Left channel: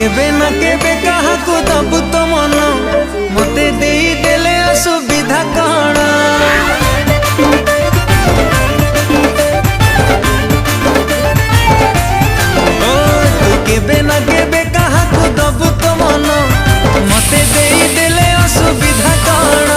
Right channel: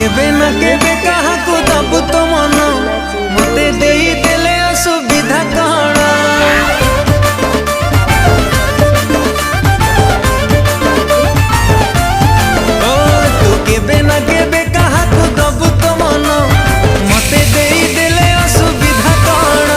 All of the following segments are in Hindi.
केबे न केबे कहा को दबु तो मन मते देई देले असुविधा कण ओ तू केबे न केबे कहा को दबु तो मन मते देई देले असुविधा कण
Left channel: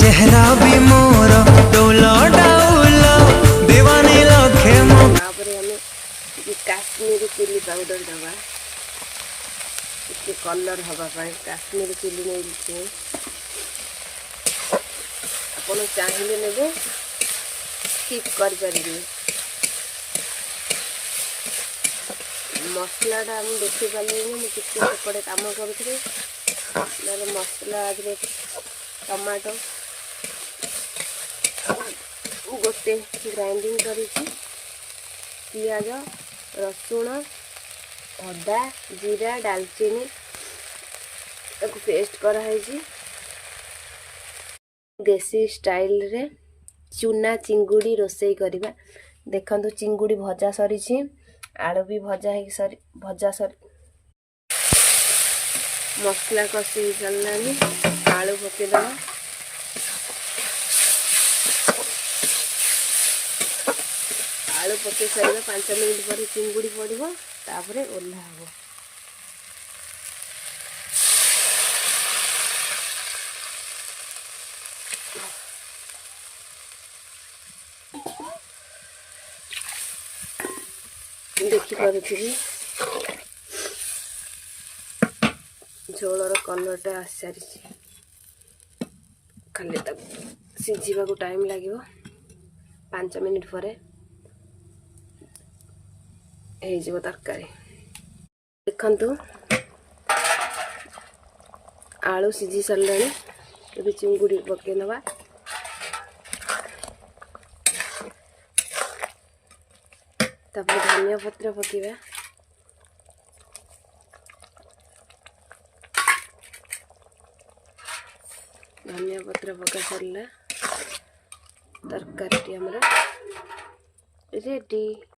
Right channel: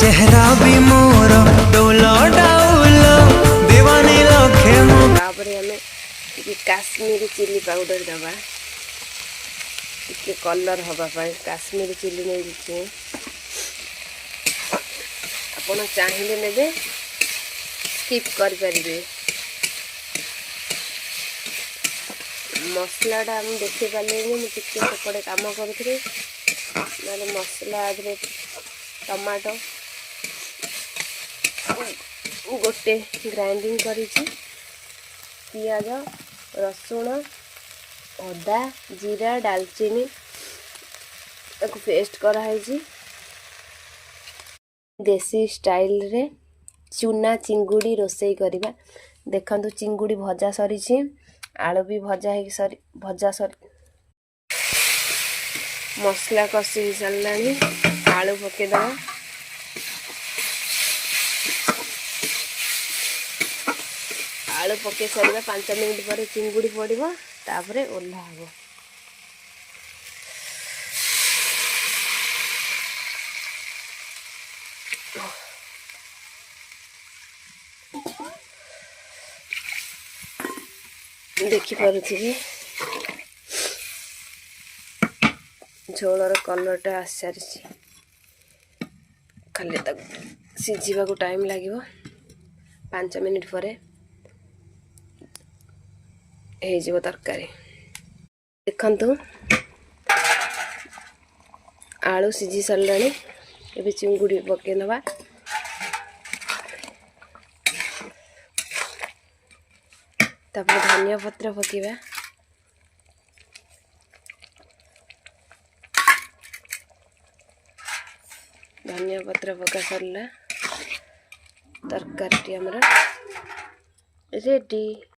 चेहरा भी मोर डोलो डाउलो दीवानी लखे मो तापरे हमें ये काश्मीरी चिली पाउडर दबा इसके कलर हवा पाए काश्मीरी चिली नहीं दिखे अपन चाहिए नेबे स्किप कर परिबे मसलाटा हम देखि पाले मु टिके सेपटे काम करूथि नले मसला आदरे टमाटो गोटे ग्राइंडिंग करिछि पियाज रसुण अदा जीरा दालचीनी पेस्ट कराई देसी स्टाइल रे चूना चिंगुड़ी रोसई करवा देखंतु चिंगुड़ी भजा सरी आलू भी भजा सरी मसला कषि सारानी आलू पकेदवा आलू पके सारा 5 मिनट पर चिंगुड़ी पड़ो तापरे ओल्हा हबो देखि पारुथिबे झोलर कलरटा आसारी खाली तक सिझिबा को टाइम लागिवो 5 मिनट परे हो तरकारी देखंतु आलू सिझी सारे ये चिंगुड़ी पके नवा तापर धनिया पत्र पकेबा धनिया पत्र पका सरला तरकारी हमर रेडी।